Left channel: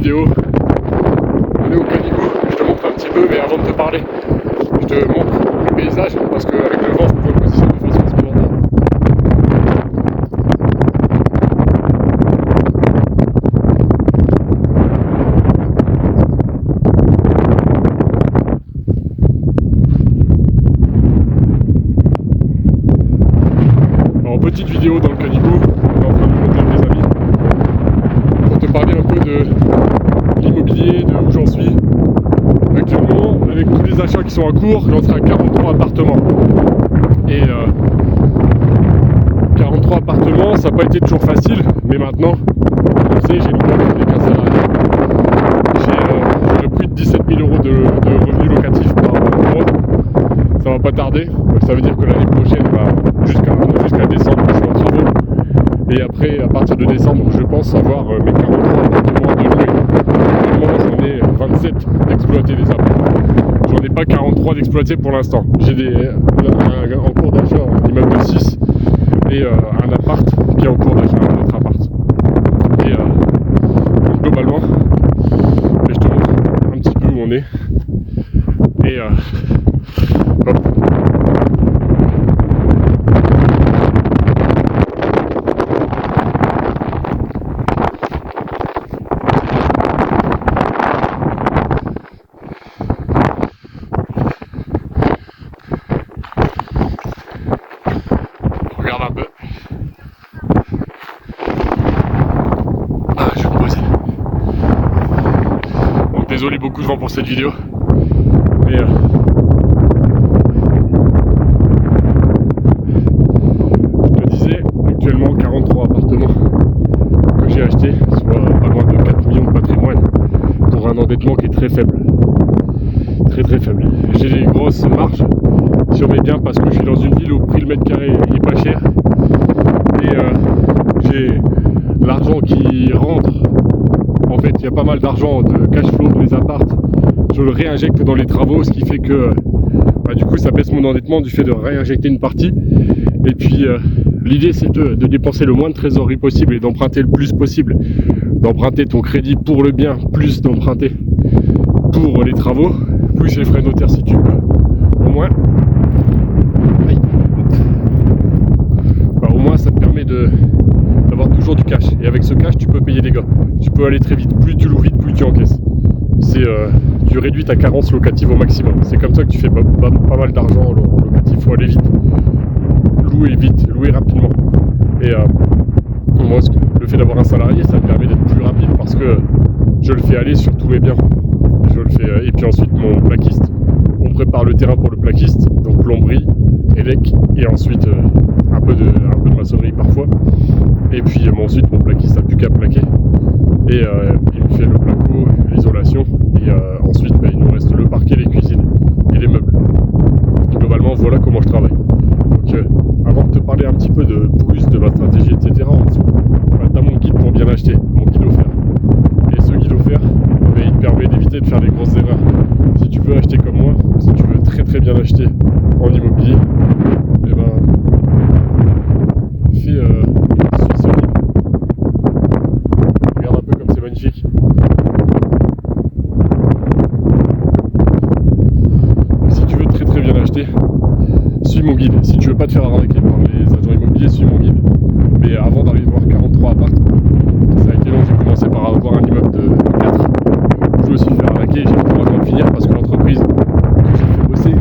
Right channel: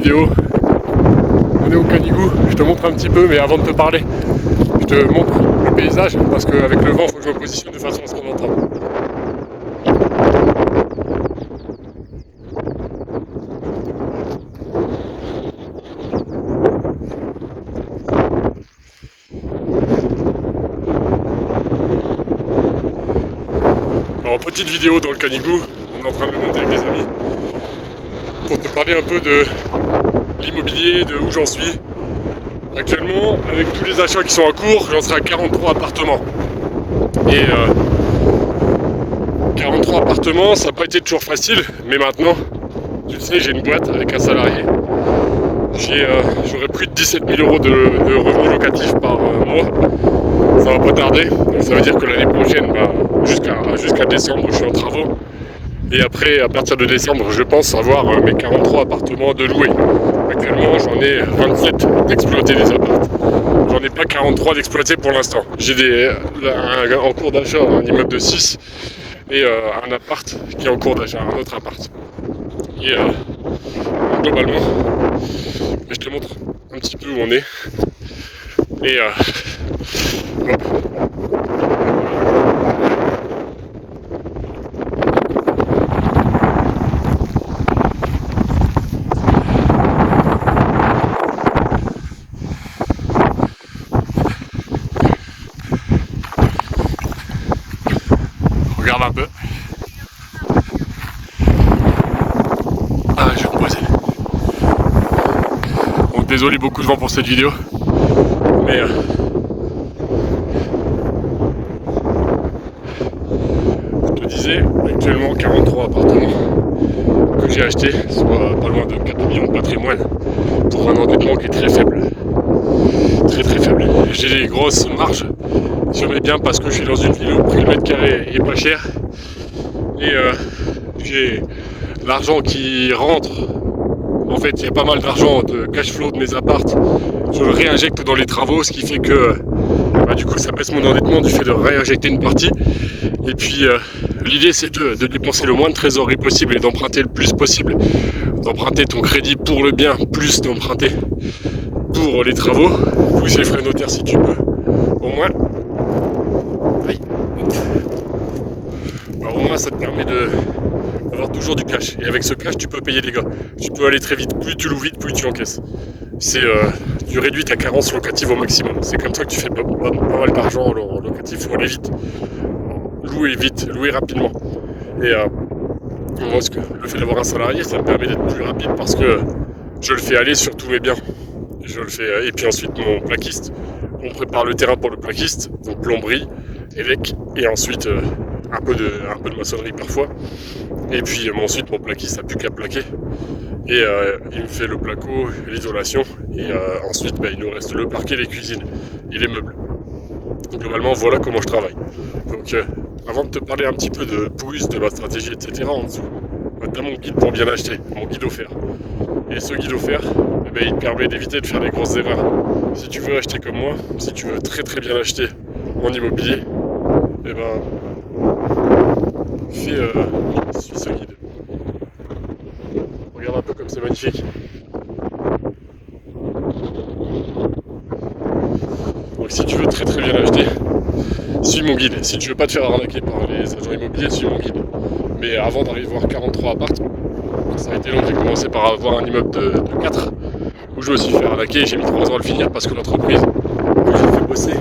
vidéo. On est au Canigou, je te montre un petit peu, mais avant de te parler, je te montre le paysage, parce qu'avec le vent, il faut que je me positionne de façon à ce qu'on entende. Alors, petite vidéo dans le Canigou, on est en train de le monter avec des amis, pour te parler un peu de l'immobilier, de où j'en suis. Actuellement, avec tous les achats qui sont en cours, j'en serai à 43 appartements. Et 43 appartements, ça n'a pas été toujours facile, mais maintenant, tu sais, j'ai une boîte avec un salarié. J'aurai plus de 17 000 euros de revenus locatifs par mois. Ça va pas tarder, donc ça veut dire que l'année prochaine, jusqu'à décembre, je suis en travaux. Et après, à partir de décembre, je pense avoir mes 43 appartements de louer. Actuellement, j'en ai 27 d'exploiter des appartements. J'en ai pas 43 d'exploiter pour l'instant. J'ai en cours d'achat un immeuble de 6 et un appart qui est en cours d'achat, un autre appart. Et globalement, je te montre un petit peu où on est. Et hop. Regarde un peu. Ah, je vais me poser. Bon, désolé beaucoup de vent pour cette vidéo. Mais je te disais, actuellement 43 appartements que j'ai achetés, soit pas loin de 4 millions de patrimoine, pour un endettement qui est très faible. Très très faible. J'ai des grosses marges sur mes biens parce que je suis dans une ville où le prix du mètre carré est pas cher. Et j'ai l'argent qui rentre. En fait, il y a pas mal d'argent de cash flow de mes appartes. Je le réinjecte dans les travaux, ce qui fait que du coup ça baisse mon endettement du fait de réinjecter une partie. Et puis l'idée c'est de dépenser le moins de trésorerie possible et d'emprunter le plus possible. D'emprunter ton crédit pour le bien, plus d'emprunter pour les travaux, plus les frais notaires si tu peux. Au moins, au moins ça te permet d'avoir toujours du cash. Et avec ce cash, tu peux payer des gars. Tu peux aller très vite. Plus tu loues vite, plus tu encaisses. Tu réduis ta carence locative au maximum. C'est comme ça que tu fais pas mal d'argent en locatif. Il faut aller vite. Louer vite, louer rapidement. Et moi, le fait d'avoir un salarié, ça me permet d'être plus rapide parce que je le fais aller sur tous mes biens. Je le fais. Et puis ensuite, mon plaquiste. On prépare le terrain pour le plaquiste. Donc plomberie, élec, et ensuite un peu de maçonnerie parfois. Et puis ensuite, mon plaquiste n'a plus qu'à plaquer. Et il me fait le placo, l'isolation. Et ensuite, il nous reste le parquet, les cuisines et les meubles. Globalement, voilà comment je travaille. Donc, avant de te parler un petit peu de ma stratégie, etc., en dessous, tu as mon guide pour bien acheter, mon guide offert. Et ce guide offert, il te permet d'éviter de faire des grosses erreurs. Si tu veux acheter comme moi, si tu veux très très bien acheter en immobilier, suis ce guide. Regarde un peu comme c'est magnifique. Donc si tu veux très très bien acheter, suis mon guide. Si tu veux pas te faire arnaquer par les agents immobiliers, suis mon guide. Mais avant d'arriver à voir 43 apparts, ça a été long. J'ai commencé par avoir un immeuble de 4 où je me suis fait arnaquer. J'ai mis 3 ans à le finir parce que l'entreprise que j'ai fait bosser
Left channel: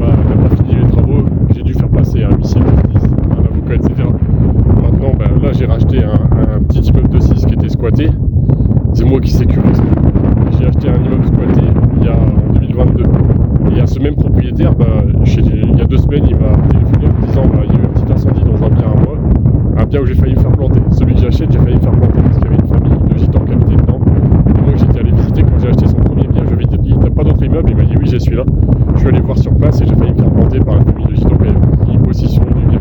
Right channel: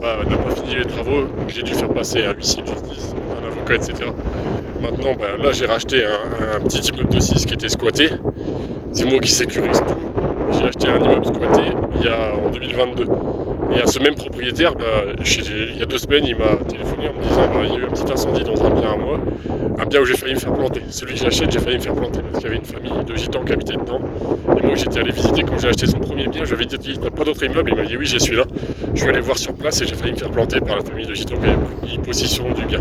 n'a pas fini les travaux. J'ai dû faire passer un huissier de justice, un avocat, etc. Maintenant, là j'ai racheté un petit immeuble de 6 qui était squatté. C'est moi qui sécurise tout. J'ai acheté un immeuble squatté en 2022. Et à ce même propriétaire, il y a 2 semaines, il m'a téléphoné en me disant il y a eu un petit incendie dans un bien à moi, un bien où j'ai failli me faire planter. Celui que j'achète, j'ai failli me faire planter parce qu'il y avait une famille de gitans qui habitaient dedans. Et moi, j'étais allé visiter quand j'ai acheté son premier bien. Je lui avais dit, t'as pas d'autre immeuble? Il m'a dit oui, j'ai celui-là. Je suis allé voir sur place et j'ai failli me faire planter par la famille de gitans qui avait pris possession du bien.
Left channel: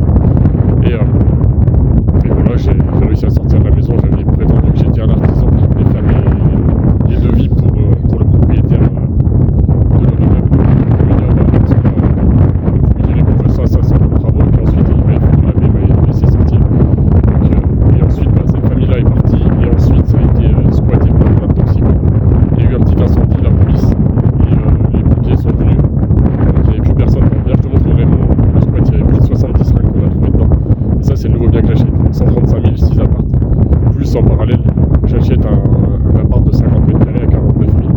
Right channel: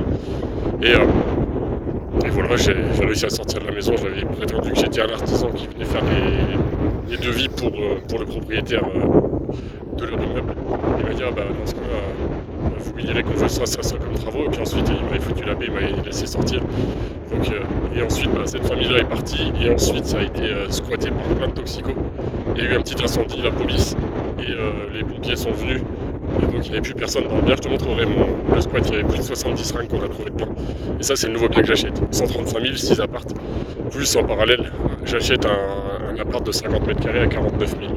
Et voilà, j'ai réussi à sortir de la maison. J'avais prétendu que j'étais un artisan qui venait faire les devis pour le propriétaire de leur immeuble. Il m'a dit dans ce cas, vous lui direz qu'on veut ça comme travaux. Et puis ensuite, il m'avait foutu la paix, il m'a laissé sortir. Donc, et ensuite, cette famille-là est partie. Et ensuite, ça a été squatté par plein de toxiques. 70 ringues qu'on a trouvé dedans. Et ça, c'est le nouveau bien que j'achète. 135 000, 6 appartes. Plus en parallèle, j'achète un appart de 50 mètres carrés à 49 000.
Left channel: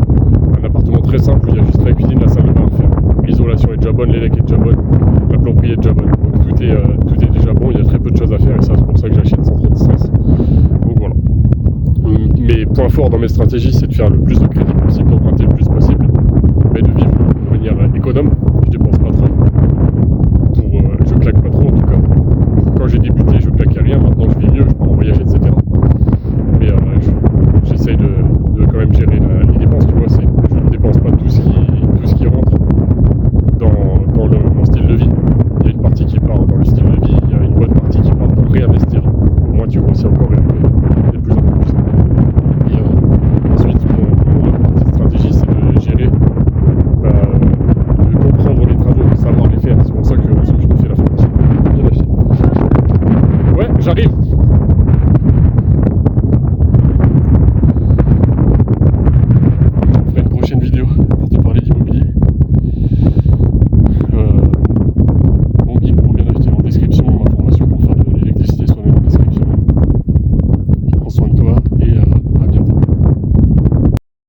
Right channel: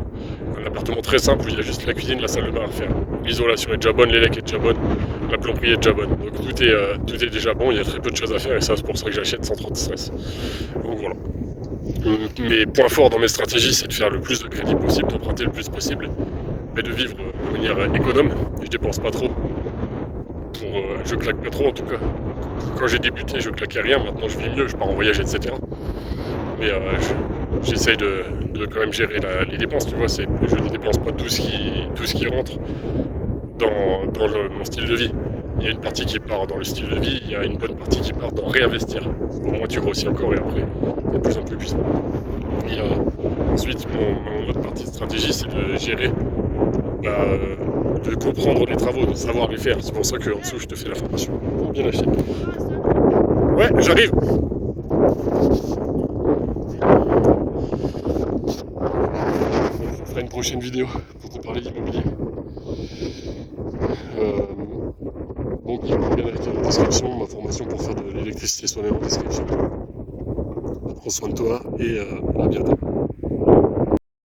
Un appartement très simple où il y a juste la cuisine, la salle de bain à refaire. L'isolation est déjà bonne, l'élec est déjà bonne, la plomberie est déjà bonne. Donc tout est déjà bon, il y a très peu de choses à faire et ça, c'est pour ça que j'achète sans trop de stress. Donc voilà. Mes points forts dans mes stratégies, c'est de faire le plus de crédit possible, d'emprunter le plus possible, mais de vivre de manière économe. Je dépense pas trop. Je claque pas trop en tout cas. Quand j'ai débuté, je claquais rien. Maintenant, je vis mieux, je pars en voyage, etc. Mais j'essaye de quand même gérer les dépenses. Tu vois, je ne dépense pas tout ce qui rentre dans mon style de vie. Il y a une partie qui part dans le style de vie, il y a une bonne partie qui part dans réinvestir. Au moins, tu grossis encore et après, de plus en plus puissant. Et ensuite, mon autre partie de stratégie, c'est de gérer, de comprendre les travaux, de savoir les faire. C'est pour ça que en dessous, je te fais la formation. Bien acheté. Ouais, j'arrive.